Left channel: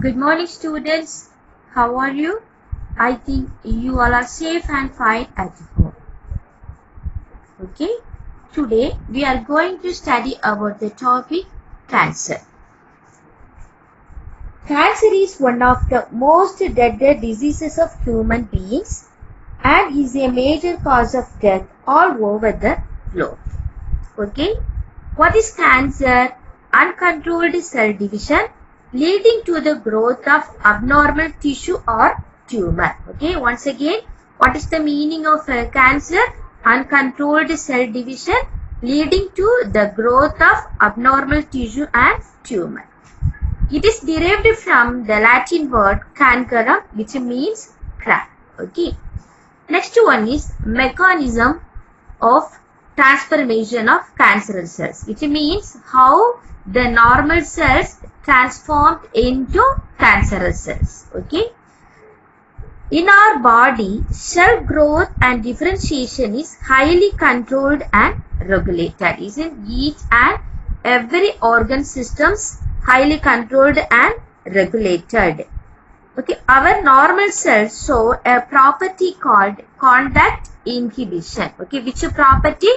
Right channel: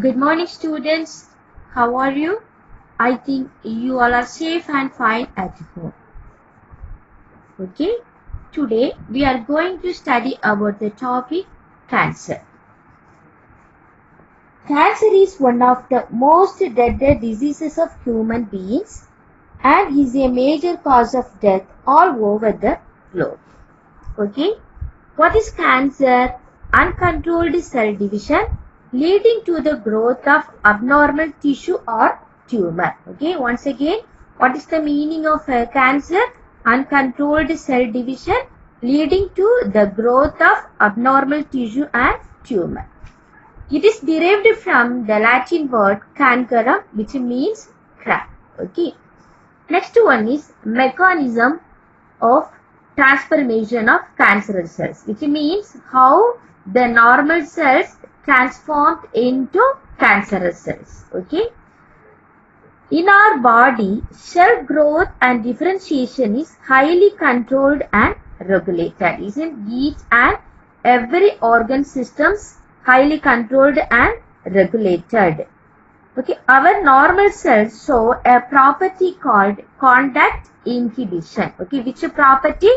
Good morning, students. How are you? I think you all are safe and fine at home. Okay? Today we are going to study about the topic cancer. Cancer is one of the most deadly diseases of human beings and is a major cause of death all over the globe. Okay? What is cancer? Uncontrolled cell division leading to the growth of abnormal tissue or tumor. Okay, once again, what is the meaning of cancer? Uncontrolled cell division leading to the growth of abnormal tissue and tumor. It is derived from the Latin word cancerum, which means crack. Okay. Next one is mechanism of transformation of cancerous cells, which means how the normal cells transformed into cancerous cells. Okay. In our body, cell growth and differentiation is highly controlled and regulated. Isn't each and every organ systems highly controlled and regulated? Okay, our normal cells show a property called contact inhibition. Okay, which property?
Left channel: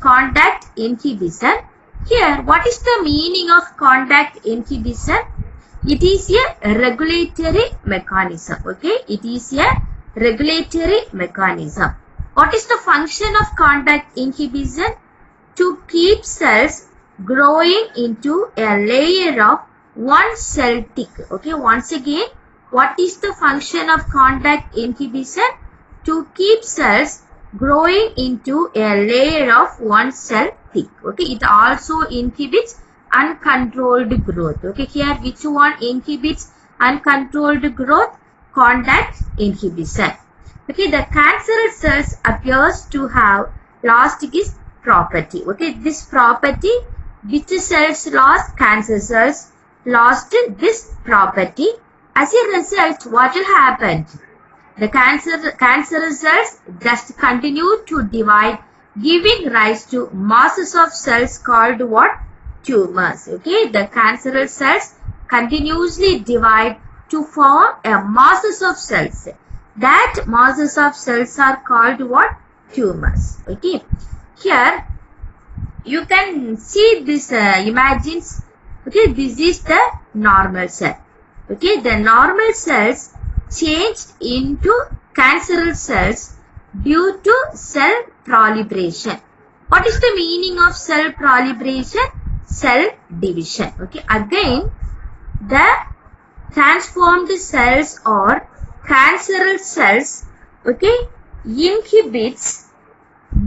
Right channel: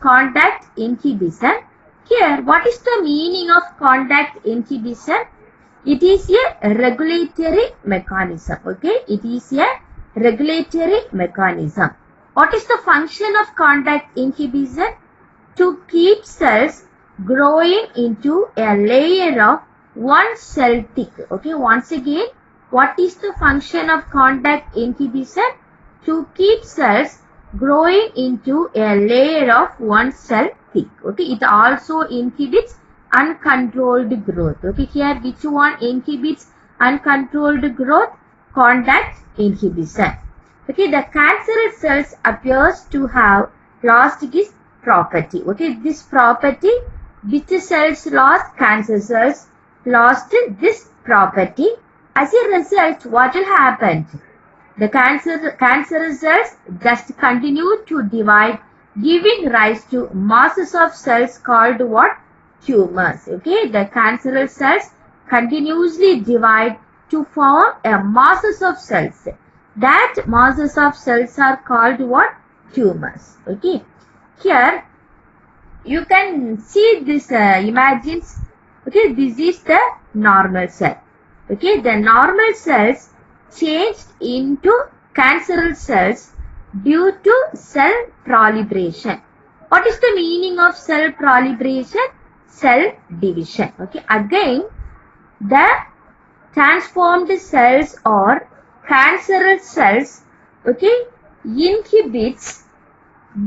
Contact inhibition. Here, what is the meaning of contact inhibition? It is a regulatory mechanism. Okay, it is a regulatory mechanism. What is the function of contact inhibition? To keep cells growing into a layer of one cell thick. Okay, once again, what is the function of contact inhibition? To keep cells growing into a layer of one cell thick. Okay, it also inhibits uncontrolled growth. Okay, here which one inhibits uncontrolled growth? Contact inhibition. Okay, the cancerous cells appears to have lost this property. Okay, this property, which cells lost? Cancer cells lost this property. As a result, what will happen? The cancerous cells just continue to divide, giving rise to masses of cells called what? Tumors. Okay, the cancerous cells continuously divide to form a masses of cells. That masses of cells are called what? Tumors. Okay, here you can see this imagines. Okay, this is the normal cell. Okay, the normal cells changed into cancerous cells due to cell proliferation. What is the meaning of cell proliferation? Cell division. Okay, again, the transformed cells or cancerous cells, okay, inhibits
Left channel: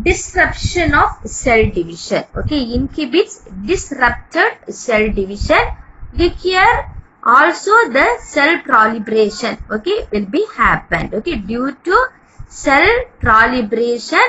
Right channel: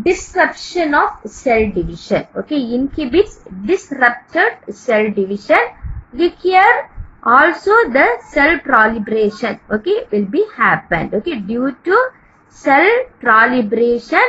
disruption of cell division. Okay, inhibits disrupted cell division. Here also the cell proliferation, okay, will be happened. Okay, due to cell proliferation,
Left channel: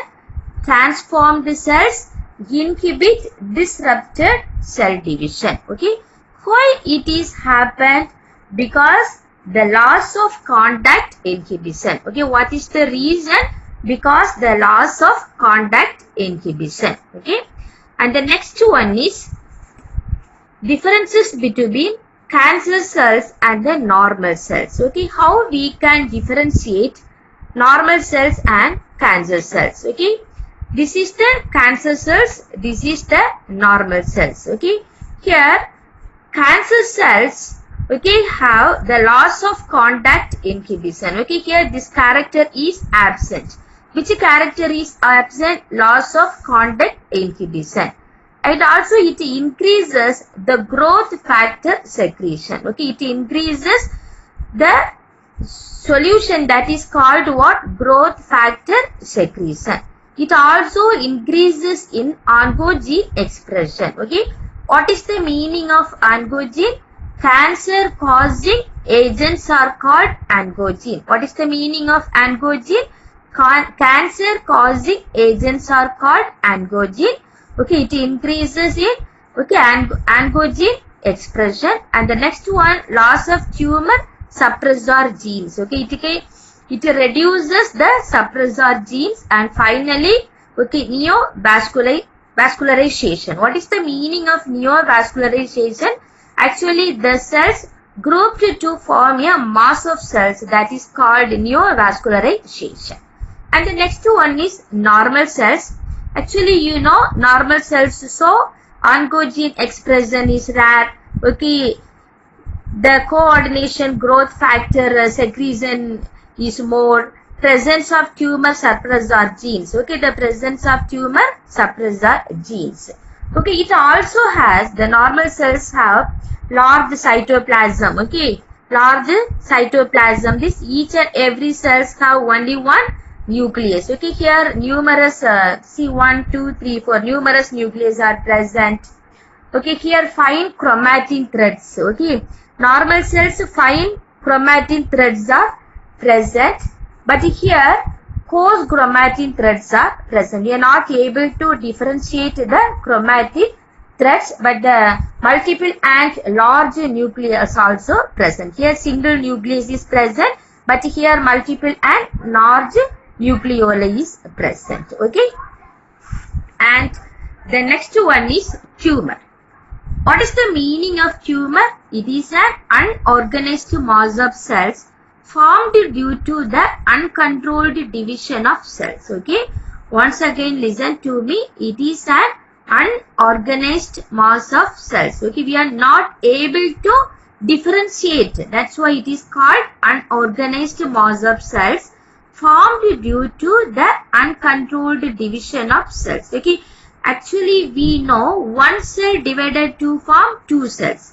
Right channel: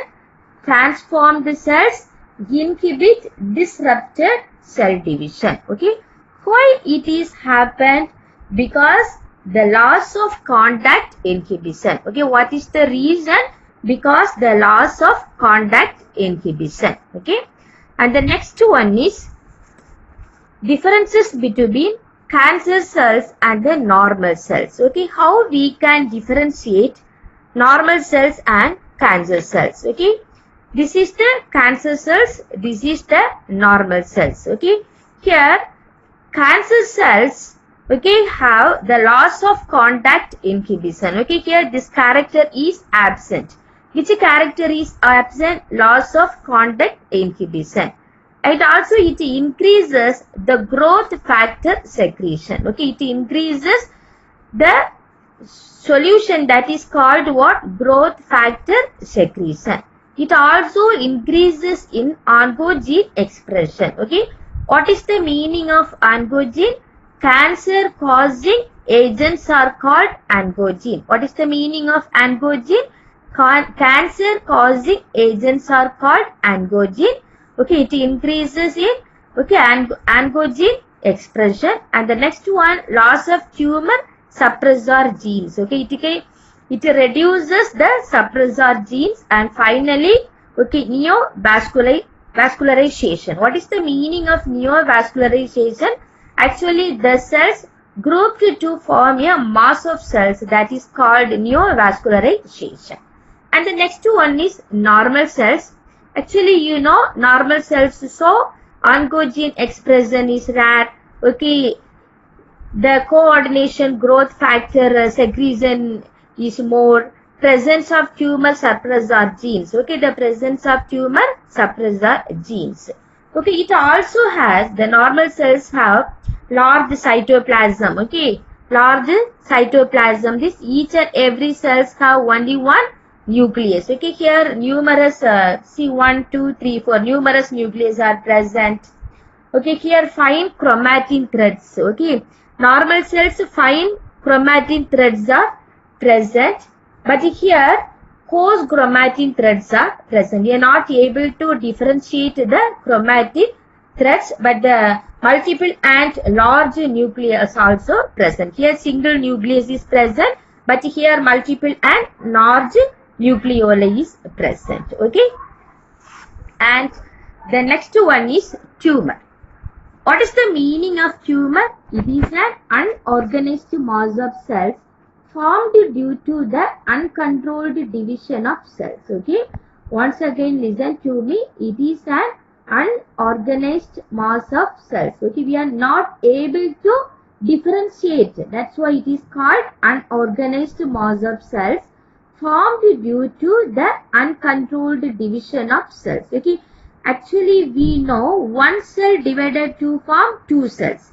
transformed cells inhibit disrupted cell division. Okay, why it is happened? Because the loss of contact inhibition. Okay, what is the reason? Because the loss of contact inhibition. Okay, and the next one is differences between cancer cells and the normal cells. Okay, how we can differentiate normal cells and cancer cells. Okay, this is the cancer cells, this is the normal cells. Okay, here cancer cells, okay, have the loss of contact inhibition. Okay, here this character is absent. Which character is absent? Loss of contact inhibition. And also it increases the growth factor secretion. Okay, it increases the solution that is called what? Growth factor secretion. It also increases in oncogene expression. Okay, what is the meaning of oncogene? Cancer causing agents are called oncogene. What is the meaning of oncogene? Cancer causing agents are called oncogene. Okay, it increases in, okay, oncogene expression. And the next one, loss of tumor suppressor genes. Okay, it reduces the suppressor genes. And finally, okay, neovascularization. What is the meaning of neovascularization? Actually, the cells grouped to form a mass of cells that is called neovascularization. And the next one is normal cells. Actually, you know normal cells, so oncogene expression is rare. Okay, the coordination growth factor secretion is more. Presence of tumor suppressor genes. Okay, the presence of tumor suppressor genes. Okay, it also has, the normal cells have large cytoplasm. Okay, large cytoplasm. This each and every cells have only one nucleus. Okay, here numerous, see 1, 2, 3, 4, numerous nucleus are present. Okay, here fine chromatin threads. Okay, normal cells fine chromatin threads are present, but here coarse chromatin threads are present. We are not able to differentiate the chromatin threads, but the multiple and large nucleus also present. Here single nucleus is present, but here multiple and large nucleoli is present. Okay, and the next one is tumor. What is the meaning of tumor? It is an unorganized mass of cells formed due to the uncontrolled division of cells. Okay, once again listen to me. It is an unorganized mass of cells. Okay, we are not able to differentiate. That's why it is called unorganized mass of cells formed due to the uncontrolled division of cells. Okay, actually we know one cell divided to form two cells.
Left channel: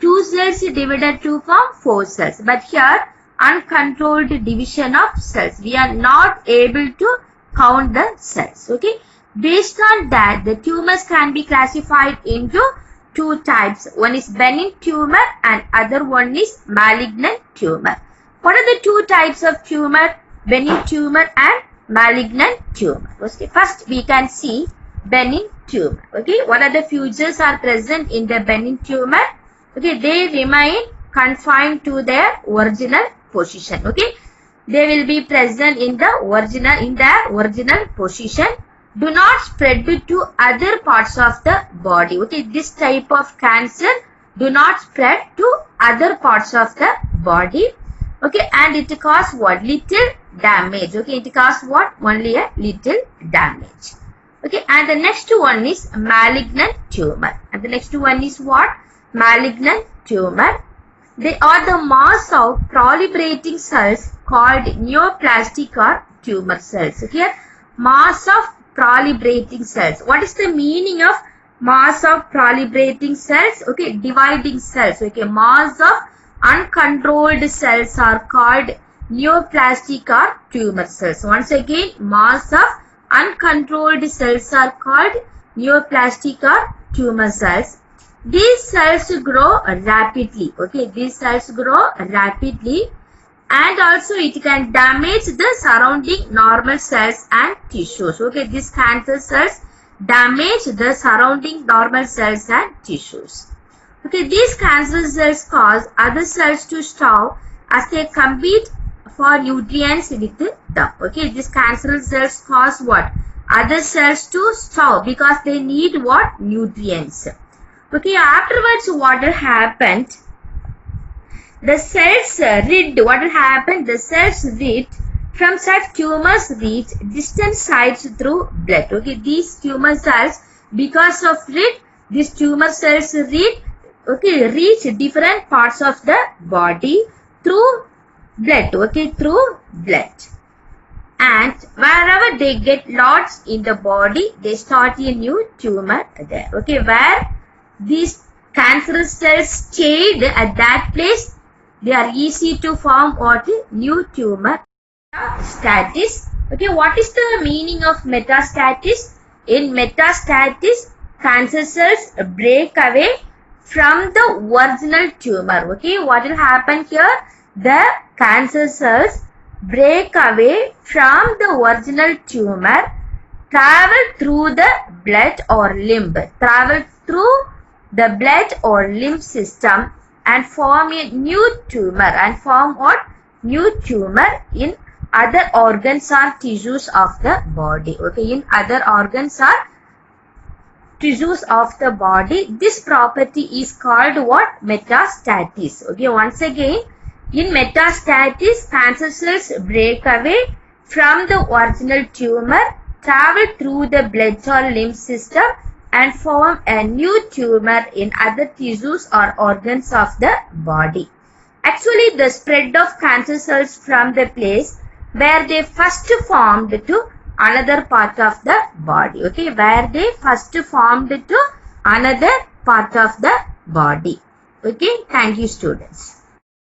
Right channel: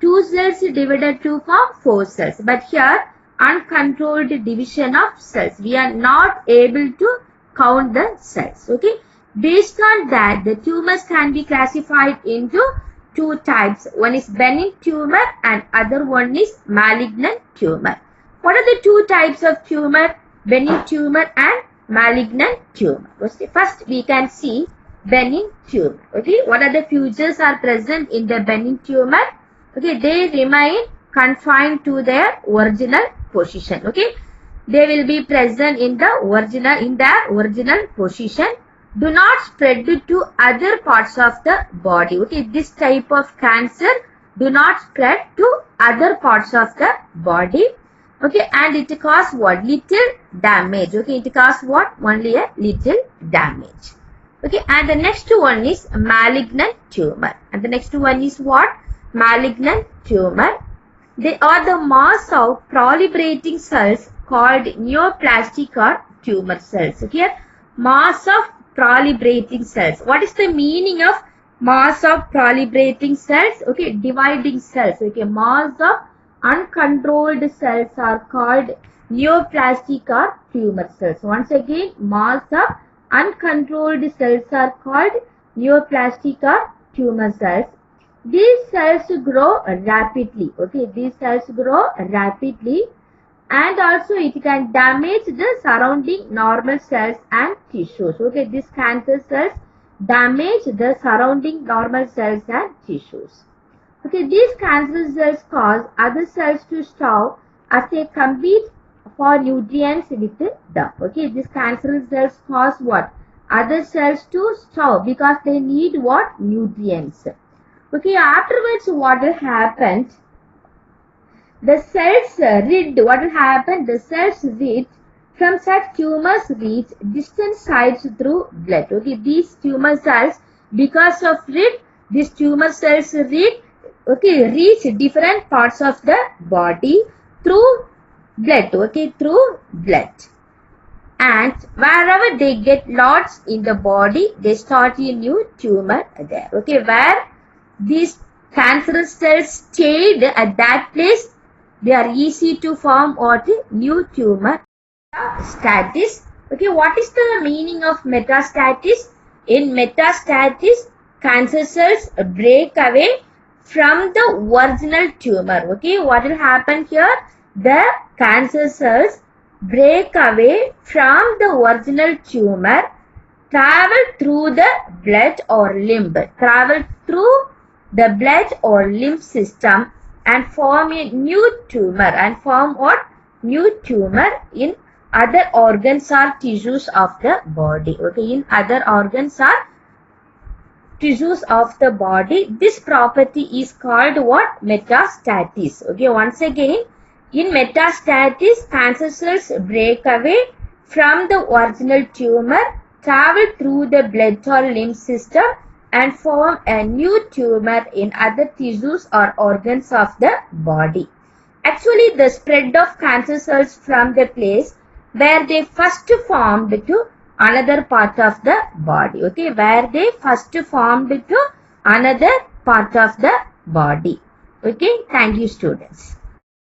Two cells divided to form four cells. But here uncontrolled division of cells. We are not able to count the cells. Okay. Based on that, the tumors can be classified into two types. One is benign tumor and other one is malignant tumor. What are the two types of tumor? Benign tumor and malignant tumor. Okay. First we can see benign tumor. Okay. What are the features are present in the benign tumor? Okay. They remain confined to their original position. Okay. They will be present in the original position. Do not spread to other parts of the body. Okay. This type of cancer do not spread to other parts of the body. Okay. And it causes what? Little damage. Okay. It causes what? Only a little damage. Okay. And the next one is malignant tumor. And the next one is what? Malignant tumor. They are the mass of proliferating cells called neoplastic or tumor cells. Okay. Mass of proliferating cells. What is the meaning of mass of proliferating cells? Okay. Dividing cells. Okay. Mass of uncontrolled cells are called neoplastic or tumor cells. Once again, mass of uncontrolled cells are called neoplastic or tumor cells. These cells grow rapidly. Okay, these cells grow rapidly, and also it can damage the surrounding normal cells and tissues. Okay, these cancer cells damage the surrounding normal cells and tissues. Okay, these cancer cells cause other cells to starve as they compete for nutrients with them. Okay, these cancerous cells cause what? Other cells to starve because they need what? Nutrients. Okay, afterwards what will happen? The cells rid, what will happen? The cells rid from such tumors reach distant sites through blood. Okay, these tumor cells, because of rid, these tumor cells rid, okay, reach different parts of the body through blood. Okay, through blood. And wherever they get lodged in the body, they start a new tumor there. Okay, where these cancerous cells stayed at that place, they are easy to form what? New tumor. Metastasis. Okay, what is the meaning of metastasis? In metastasis, cancer cells break away from the original tumor. Okay, what will happen here? The cancer cells break away from the original tumor, travel through the blood or lymph, travel through the blood or lymph system and form a new tumor, and form what? New tumor in other organs or tissues of the body. Okay, in other organs or tissues of the body. This property is called what? Metastasis. Okay, once again, in metastasis, cancer cells break away from the original tumor, travel through the blood or lymph system and form a new tumor in other tissues or organs of the body. Actually, the spread of cancer cells from the place where they first formed to another part of the body. Okay, where they first formed to another part of the body. Okay, thank you students.